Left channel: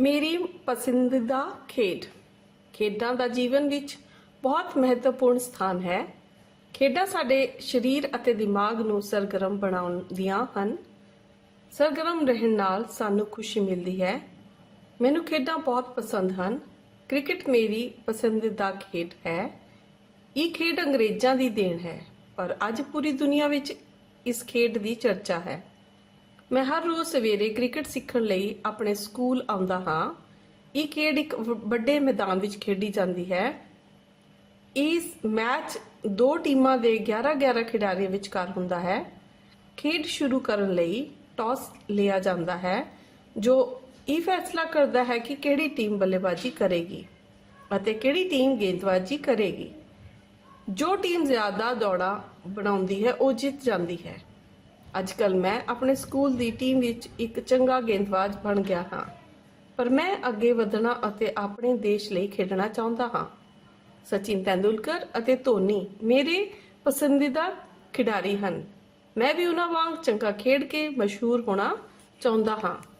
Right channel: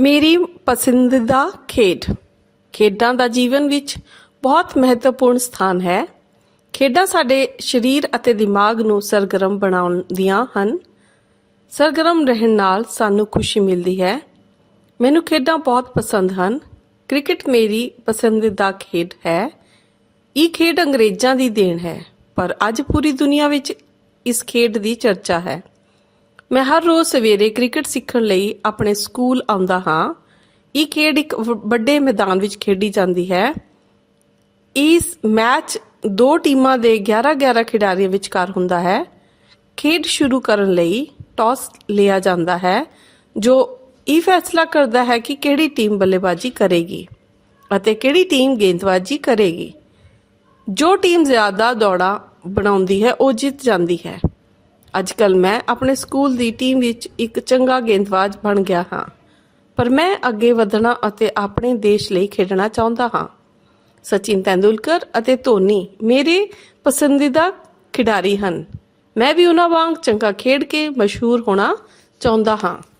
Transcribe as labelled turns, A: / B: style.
A: ਮੇਰੀ ਪਸੰਦੀਦਾ ਖੇਡ, ਖੇਡਾਂ ਦਾ ਜੀਵਨ ਵਿੱਚ ਬਹੁਤ ਮਹੱਤਵਪੂਰਨ ਸਥਾਨ ਹੈ। ਖੇਡਾਂ ਸਾਡੇ ਸਰੀਰ ਅਤੇ ਦਿਮਾਗ ਨੂੰ ਸਰਗਰਮ ਬਣਾਉਂਦੀਆਂ ਹਨ। ਸਰਗਰਮ ਰਹਿਣ ਨਾਲ ਸਾਨੂੰ ਖੁਸ਼ੀ ਮਿਲਦੀ ਹੈ। ਮੈਨੂੰ ਖੇਡਾਂ ਬਹੁਤ ਪਸੰਦ ਹਨ। ਕ੍ਰਿਕਟ ਮੇਰੀ ਪਸੰਦੀਦਾ ਖੇਡ ਹੈ। ਇਹ ਖੇਡ ਅੰਗਰੇਜ਼ਾਂ ਦੀ ਦੇਣ ਹੈ, ਪਰ ਅੱਜ ਪੂਰੀ ਦੁਨੀਆ ਵਿੱਚ ਇਸ ਖੇਡ ਦੀ ਚਰਚਾ ਹੈ। ਮੈਂ ਹਰ ਰੋਜ਼ ਸਵੇਰੇ ਕ੍ਰਿਕਟ ਸਿੱਖਣ ਲਈ ਆਪਣੇ ਸਕੂਲ ਆਉਂਦਾ ਹਾਂ। ਇਹ ਖੇਡ ਇੱਕ ਵ- ਵੱਡੇ ਮੈਦਾਨ ਵਿੱਚ ਖੇਡੀ ਜਾਂਦੀ ਹੈ। ਇਸ ਮੈਚ ਦੋ ਟੀਮਾਂ ਦੇ 11-11 ਖਿਡਾਰੀਆਂ ਵਿਚਕਾਰ ਹੁੰਦਾ ਹੈ। ਖੇਡ ਸ਼ੁਰੂ ਕਰਨ ਲਈ ਟਾਸ ਲਿਆ ਜਾਂਦਾ ਹੈ, ਜੋ ਇਹ ਫੈਸਲਾ ਕਰਦਾ ਹੈ ਕਿ ਕਿਹੜੀ ਟੀਮ ਬੱਲੇਬਾਜ਼ੀ ਕਰੇਗੀ ਅਤੇ ਕਿਹੜੀ ਟੀਮ ਗੇਂਦਬਾਜ਼ੀ ਕਰੇਗੀ। ਜੋ ਟੀਮ ਜ਼ਿਆਦਾ ਦੌੜਾਂ ਬਣਾਉਂਦੀ ਹੈ, ਉਹ ਜਿੱਤ ਜਾਂਦੀ ਹੈ। ਅੱਜ ਕੱਲ ਮੈਂ ਆਪਣੇ ਸਕੂਲ ਦੀ ਟੀਮ ਵਿੱਚ ਇੱਕ ਚੰਗਾ ਗੇਂਦਬਾਜ਼ ਬਣ ਗਿਆ ਹਾਂ। ਪਰ ਮੈਂ ਅੱਗੇ ਵਧਣਾ ਅਤੇ ਆਪਣੇ ਦੇਸ਼ ਲਈ ਖੇਡਣਾ ਚਾਹੁੰਦਾ ਹਾਂ। ਸਚਿਨ ਤੈਂਦੁਲਕਰ ਅਤੇ ਧੋਨੀ ਮੇਰੇ ਪਸੰਦੀਦਾ ਖਿਡਾਰੀ ਹਨ। ਮੈਂ ਵੀ ਉਹਨਾਂ ਵਾਂਗ ਚੰਗਾ ਖੇਡ ਕੇ ਮਸ਼ਹੂਰ ਹੋਣਾ ਚਾਹੁੰਦਾ ਹਾਂ।